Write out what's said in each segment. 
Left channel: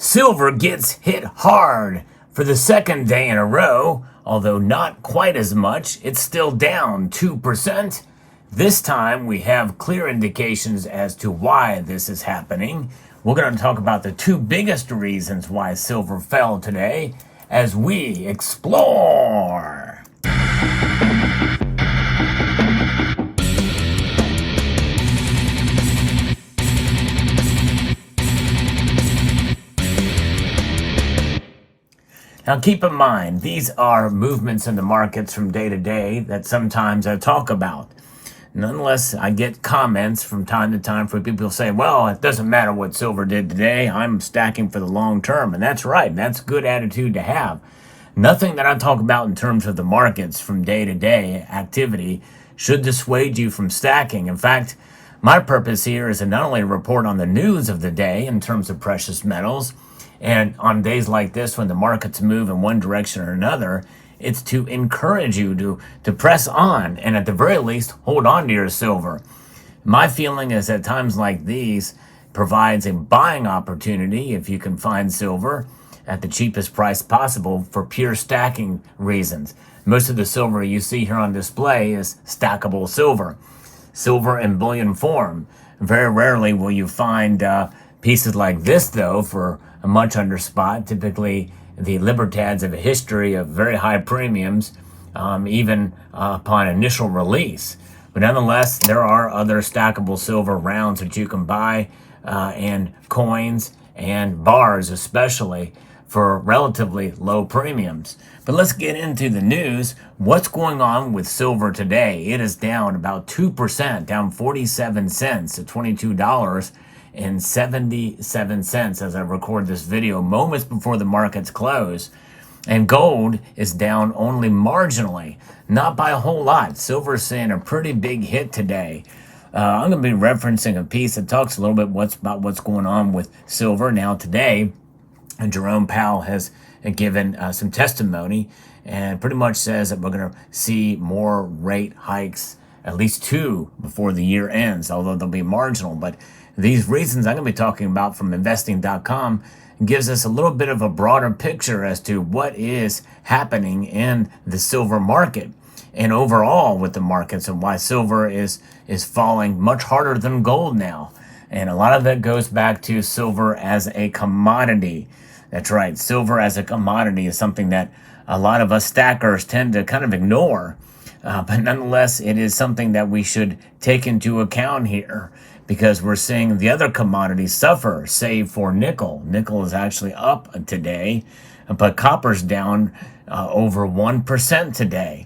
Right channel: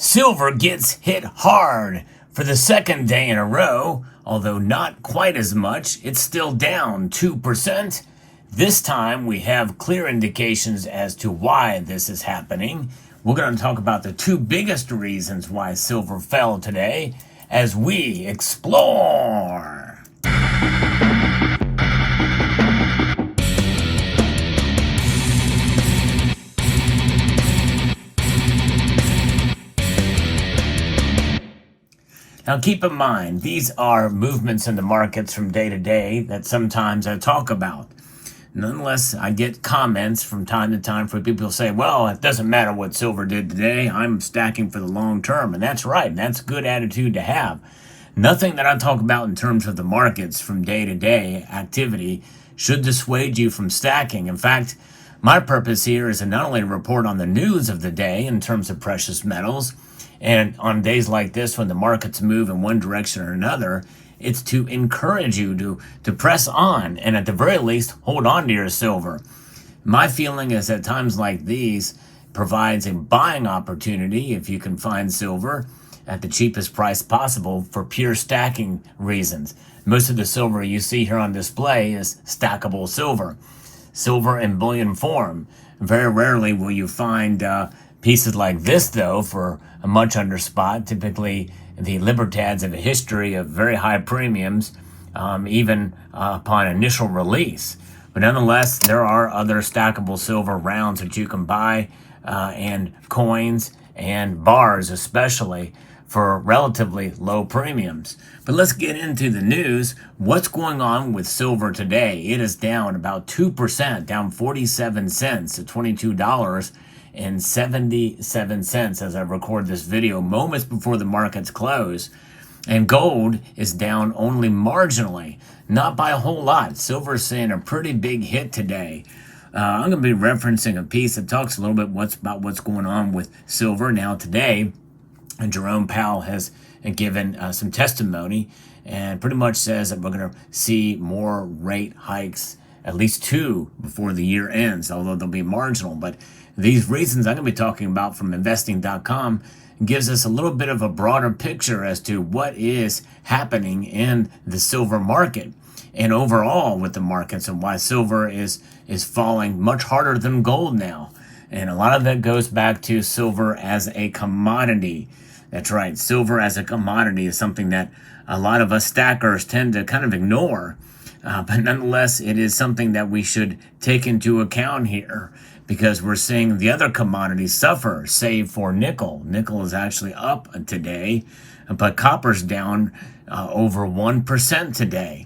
Silver gets hit hard for the second day in a row, although not quite as much. It's still down 2%. This time we have clear indications as to why this is happening. We're going to talk about the two biggest reasons why silver fell today as we explore. Now keep in mind, these are movements in the markets from day to day that sometimes I talk about. Nonetheless, I get comments from time to time from people who say, well, it doesn't matter what silver did today, I'm stacking for the long term. And that's right, that's a good attitude to have. Nothing that I talk about in terms of the markets from day to day activity should dissuade you from stacking. In fact, my purpose here is to not only report on the news of the day in terms of precious metals, and on days like this, when the markets move in one direction or another, it's to encourage you to press on and at the very least, hold on to your silver. My feeling is at times like these provides a buying opportunity if you can find silver at the cheapest price possible for pure stacking reasons. Most of the silver you see here on display is stackable silver, silver in bullion form. Very rarely will you find pieces like this, though, for a much under spot. Typically, the Libertads have a history of very high premiums, even upon initial release. But nonetheless, there are other stackable silver rounds that you can buy, and coins and bars especially, for relatively low premiums. But let's get into the news. What's going on with silver today? It is down about 2%, down 47 cents to $22.77 as I record this video, moments before the markets close. And gold is down only marginally, not by a whole lot. Silver is seeing a pretty big hit today. I'm going to be referencing a piece that talks a little bit about what's going on with silver now today. And Jerome Powell has given some testimony and pretty much says that we're going to see more rate hikes, at least two, before the year ends, although they'll be marginal. But these reasons I'm going to be talking about from investing.com gives us a little bit of a broader picture as to what is happening in the silver market and overall with the markets, and why silver is falling much harder than gold now. And a lot of that goes back to silver as a commodity. That's right, silver as a commodity is something that a lot of us stackers tend to kind of ignore. But nonetheless, it is something that we should take into account here, because we're seeing the other commodities suffer, save for nickel. Nickel is actually up today, but copper's down over 1% today.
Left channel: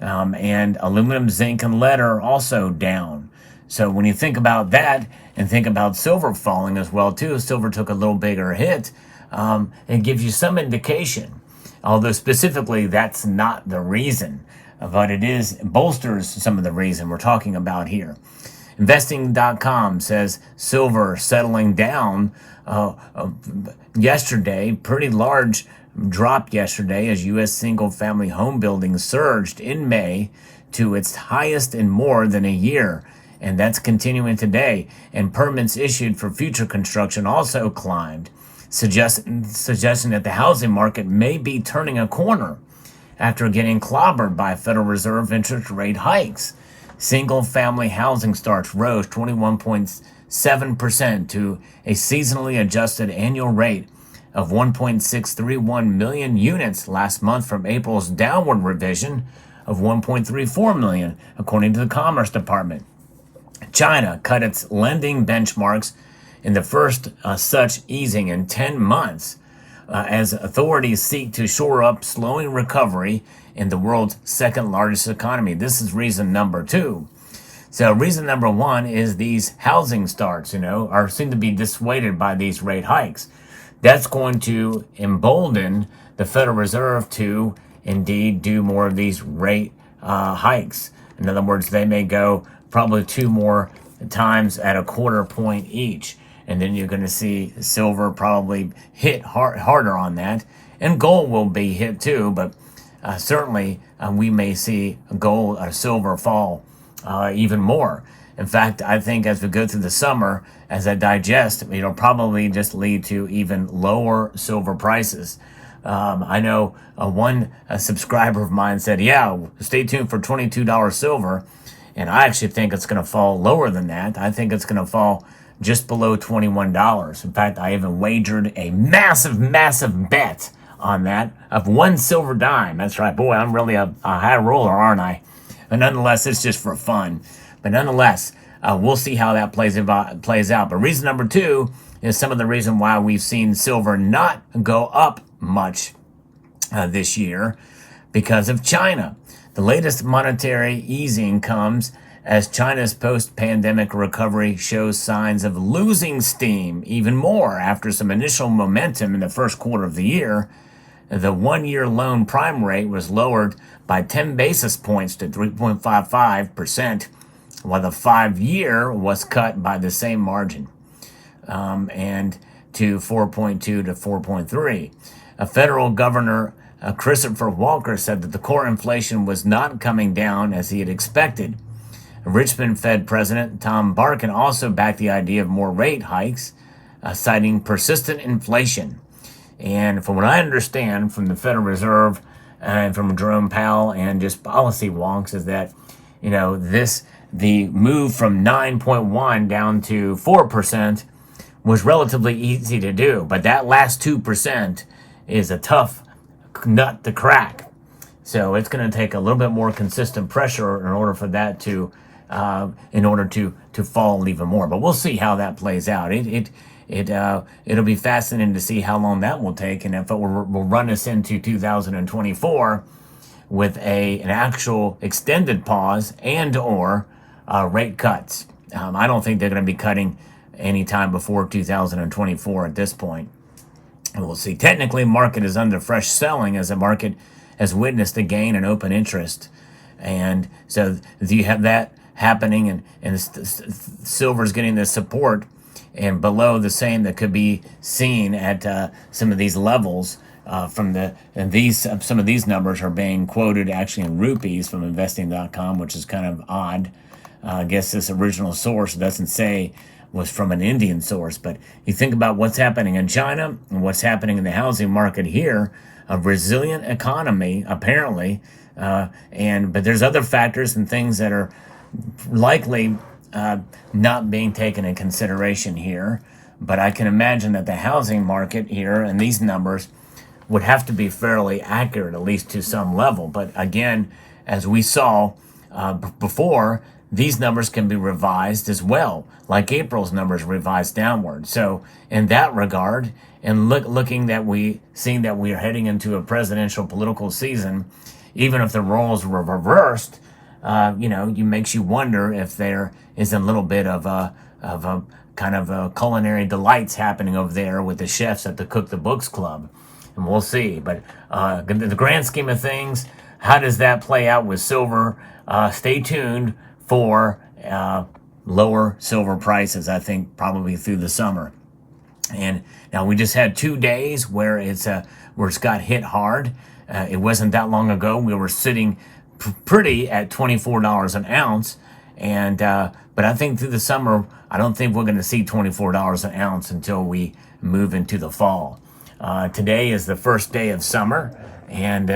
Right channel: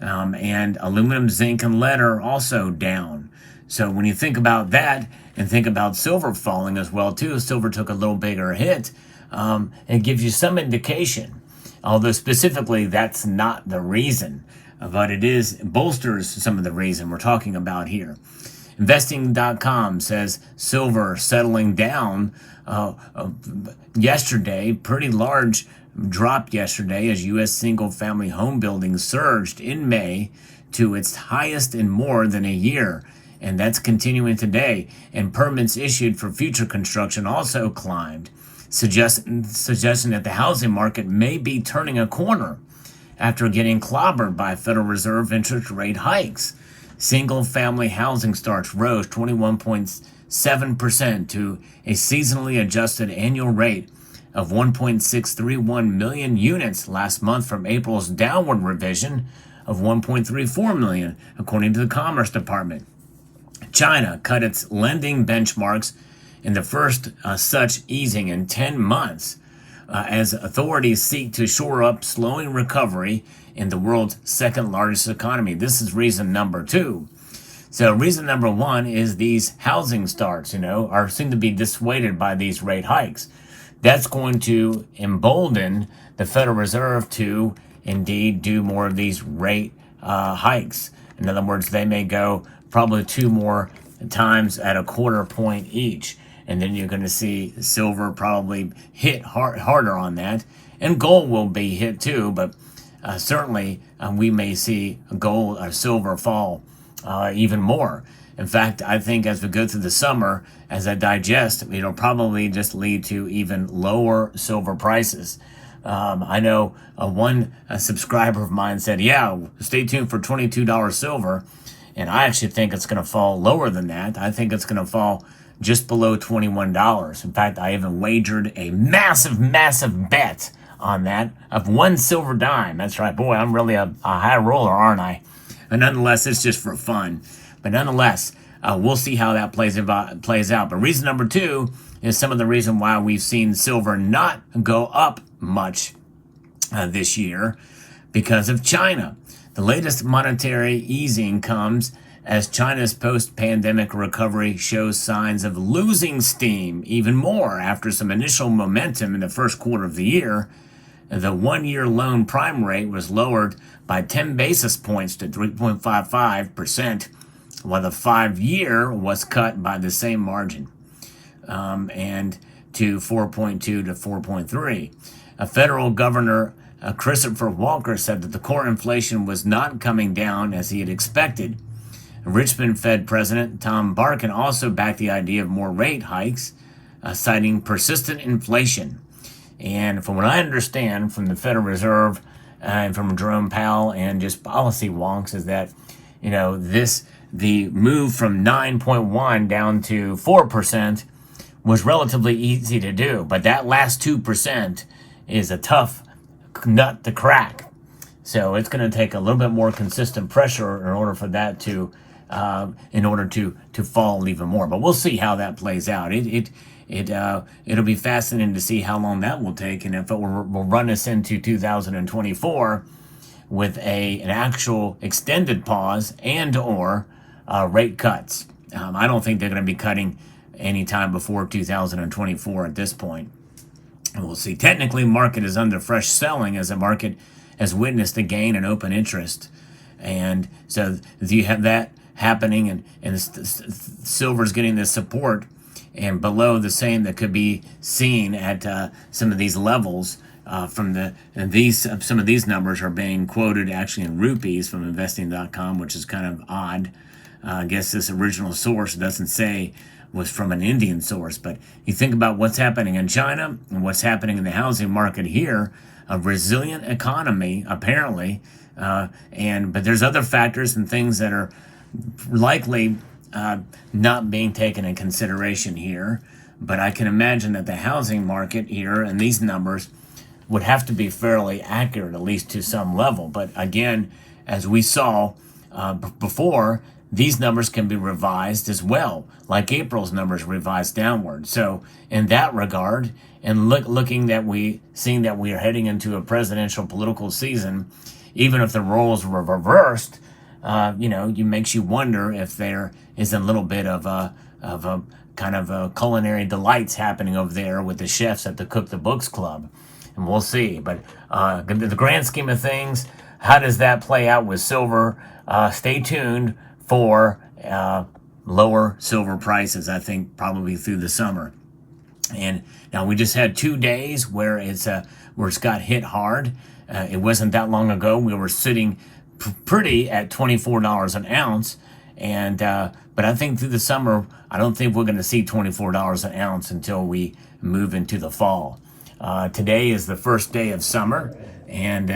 And aluminum, zinc, and lead are also down. So when you think about that and think about silver falling as well too, silver took a little bigger hit. It gives you some indication, although specifically that's not the reason, but it bolsters some of the reason we're talking about here. Investing.com says silver settling down yesterday, pretty large drop yesterday as U.S. single-family home building surged in May to its highest in more than a year. And that's continuing today. And permits issued for future construction also climbed, suggesting that the housing market may be turning a corner after getting clobbered by Federal Reserve interest rate hikes. Single-family housing starts rose 21.7% to a seasonally adjusted annual rate of 1.631 million units last month from April's downward revision of 1.34 million, according to the Commerce Department. China cut its lending benchmarks in the first such easing in 10 months as authorities seek to shore up slowing recovery in the world's second largest economy. This is reason number two. So reason number one is these housing starts, seem to be dissuaded by these rate hikes. That's going to embolden the Federal Reserve to indeed do more of these rate hikes. In other words, they may go probably two more times at a quarter point each. And then you're going to see silver probably hit harder on that. And gold will be hit too, but certainly we may see gold or silver fall even more. In fact, I think as we go through the summer, as I digest, it'll probably just lead to even lower silver prices. I know one subscriber of mine said, yeah, stay tuned for $22 silver. And I actually think it's going to fall lower than that. I think it's going to fall just below $21. In fact, I even wagered a massive bet on that of one silver dime. That's right. Boy, I'm really a high roller, aren't I? But nonetheless, it's just for fun. But nonetheless, we'll see how that plays out. But reason number two is some of the reason why we've seen silver not go up much this year because of China. The latest monetary easing comes as China's post-pandemic recovery shows signs of losing steam even more after some initial momentum in the first quarter of the year. The one-year loan prime rate was lowered by 10 basis points to 3.55%, while the 5-year was cut by the same margin, and to 4.2 to 4.3. A federal governor, Christopher Walker, said that the core inflation was not coming down as he had expected. Richmond Fed President Tom Barkin also backed the idea of more rate hikes, citing persistent inflation. And from what I understand from the Federal Reserve and from Jerome Powell and just policy wonks is that, the move from 9.1 down to 4% was relatively easy to do. But that last 2% is a tough nut to crack. So it's going to take a little bit more consistent pressure in order for that to fall even more. But we'll see how that plays out. It'll be fascinating to see how long that will take, and if it will run us into 2024 with an actual extended pause and or rate cuts. I don't think they're going to be cutting anytime before 2024 at this point. And we'll see. Technically, market is under fresh selling as the market has witnessed a gain in open interest. And so you have that happening, and silver's getting the support and below the same that could be seen at some of these levels some of these numbers are being quoted actually in rupees from investing.com, which is kind of odd. I guess this original source doesn't say was from an Indian source, but you think about what's happening in China and what's happening in the housing market here, a resilient economy apparently, but there's other factors and things that are likely not being taken in consideration here. But I can imagine that the housing market here and these numbers would have to be fairly accurate, at least to some level. But again, as we saw before, these numbers can be revised as well, like April's numbers revised downward. So in that regard, and seeing that we are heading into a presidential political season, even if the roles were reversed, makes you wonder if there is a little bit of a kind of a culinary delights happening over there with the chefs at the Cook the Books Club. And we'll see. But the grand scheme of things, how does that play out with silver? Stay tuned for lower silver prices, I think, probably through the summer. And now we just had 2 days where it's got hit hard. It wasn't that long ago. We were sitting pretty at $24 an ounce. And but I think through the summer, I don't think we're going to see $24 an ounce until we move into the fall. Today is the first day of summer, and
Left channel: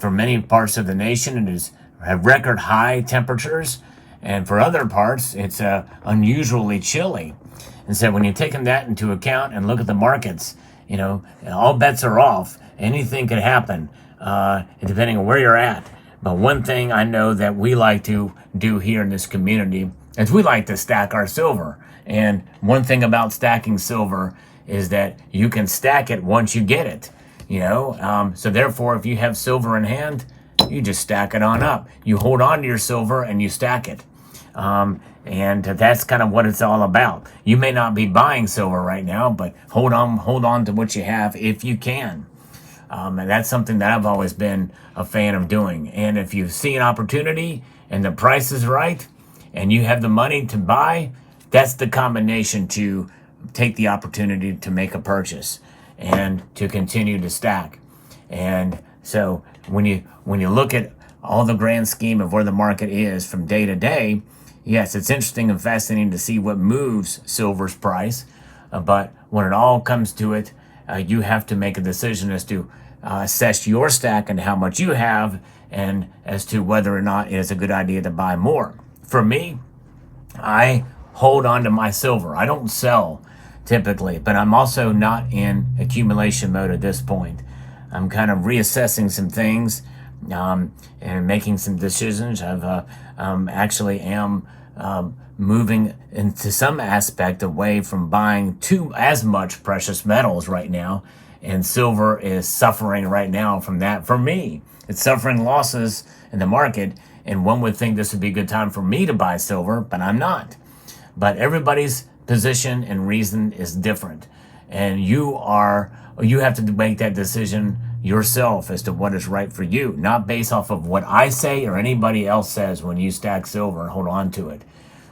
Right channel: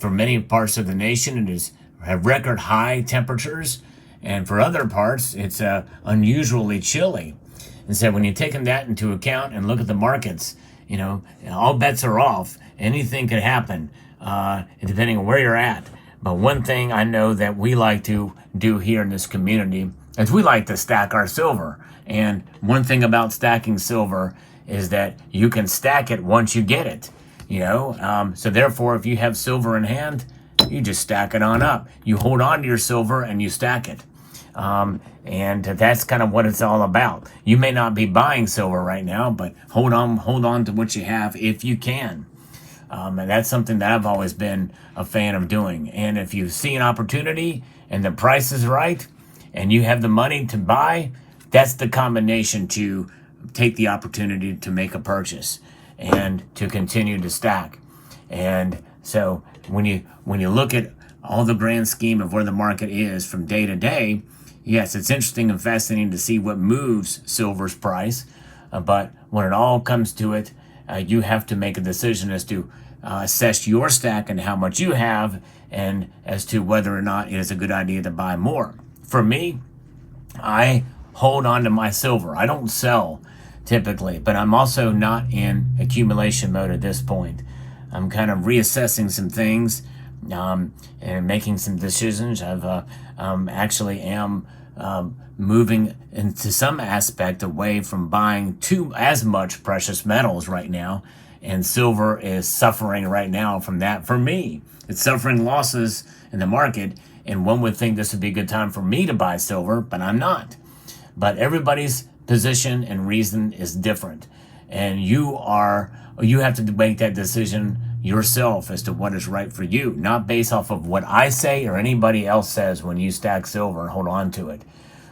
for many parts of the nation, it is have record high temperatures, and for other parts, it's unusually chilly. And so when you're taking that into account and look at the markets, all bets are off. Anything could happen, depending on where you're at. But one thing I know that we like to do here in this community is we like to stack our silver. And one thing about stacking silver is that you can stack it once you get it, So therefore, if you have silver in hand, you just stack it on up. You hold on to your silver and you stack it. And that's kind of what it's all about. You may not be buying silver right now, but hold on to what you have if you can. And that's something that I've always been a fan of doing. And if you see an opportunity and the price is right and you have the money to buy, that's the combination to take the opportunity to make a purchase and to continue to stack. And so when you look at all the grand scheme of where the market is from day to day, yes, it's interesting and fascinating to see what moves silver's price. But when it all comes to it, you have to make a decision as to assess your stack and how much you have, and as to whether or not it is a good idea to buy more. For me, I hold on to my silver. I don't sell typically, but I'm also not in accumulation mode at this point. I'm kind of reassessing some things and making some decisions. I've actually am moving into some aspect away from buying as much precious metals right now, and silver is suffering right now from that. For me, it's suffering losses in the market, and one would think this would be a good time for me to buy silver, but I'm not. But everybody's position and reason is different, and you have to make that decision yourself as to what is right for you, not based off of what I say or anybody else says when you stack silver and hold on to it.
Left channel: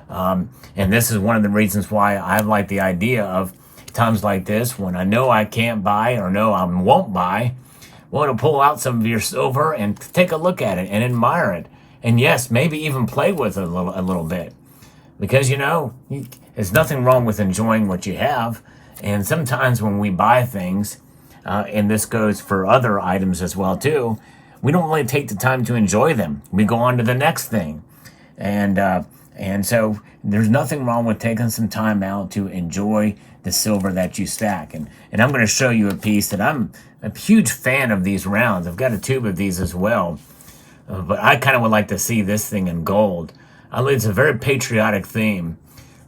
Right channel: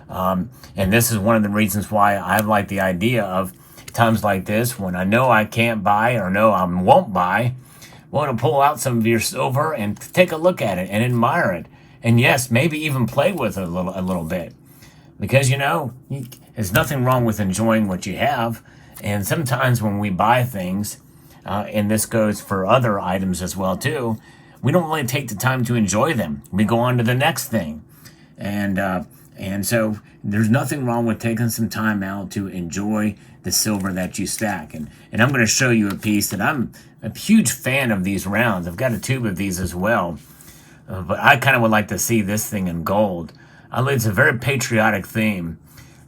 And this is one of the reasons why I like the idea of times like this, when I know I can't buy or know I won't buy, want to pull out some of your silver and take a look at it and admire it. And yes, maybe even play with it a little bit. Because, there's nothing wrong with enjoying what you have. And sometimes when we buy things, and this goes for other items as well too, we don't really take the time to enjoy them. We go on to the next thing. And so there's nothing wrong with taking some time out to enjoy the silver that you stack. And I'm going to show you a piece that I'm a huge fan of these rounds. I've got a tube of these as well. But I kind of would like to see this thing in gold. It's a very patriotic theme.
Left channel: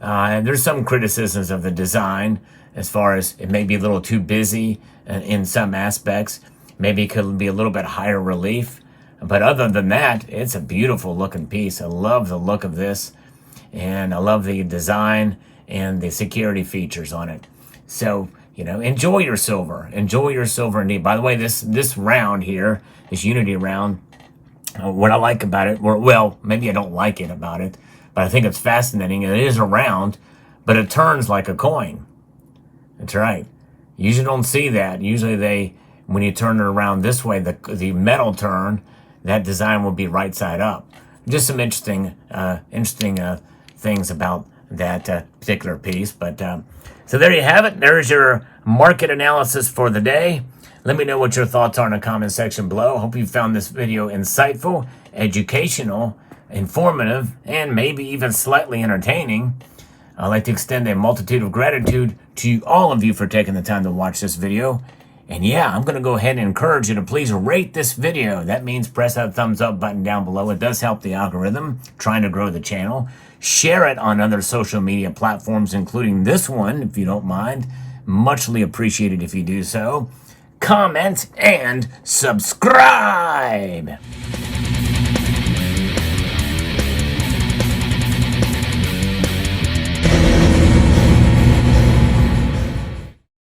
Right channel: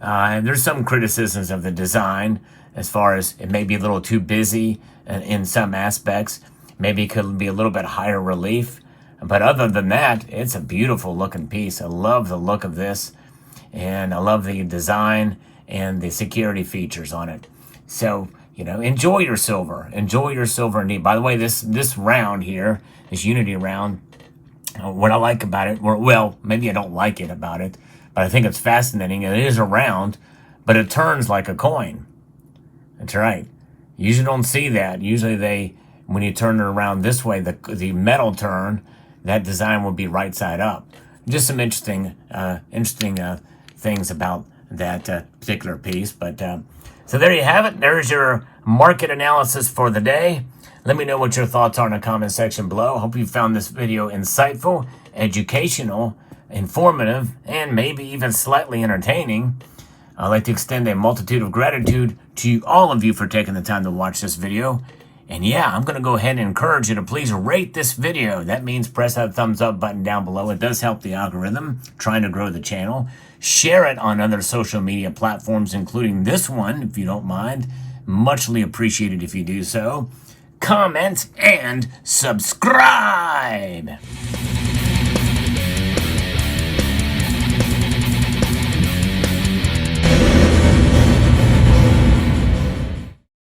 And there's some criticisms of the design as far as it may be a little too busy in some aspects. Maybe it could be a little bit higher relief. But other than that, it's a beautiful looking piece. I love the look of this. And I love the design and the security features on it. So, enjoy your silver. Enjoy your silver indeed. By the way, this round here, this Unity round, what I like about it, well, maybe I don't like it about it, but I think it's fascinating. It is a round, but it turns like a coin. That's right. You usually don't see that. Usually when you turn it around this way, the metal turn, that design will be right side up. Just some interesting things about that particular piece. But so there you have it. There's your market analysis for the day. Let me know what your thoughts are in the comment section below. Hope you found this video insightful, educational, informative, and maybe even slightly entertaining. I'd like to extend a multitude of gratitude to all of you for taking the time to watch this video. And yeah, I'm going to go ahead and encourage you to please rate this video. That means press that thumbs up button down below. It does help the algorithm trying to grow the channel. Share it on other social media platforms, including this one, if you don't mind. Muchly appreciated if you do so. Comment and subscribe.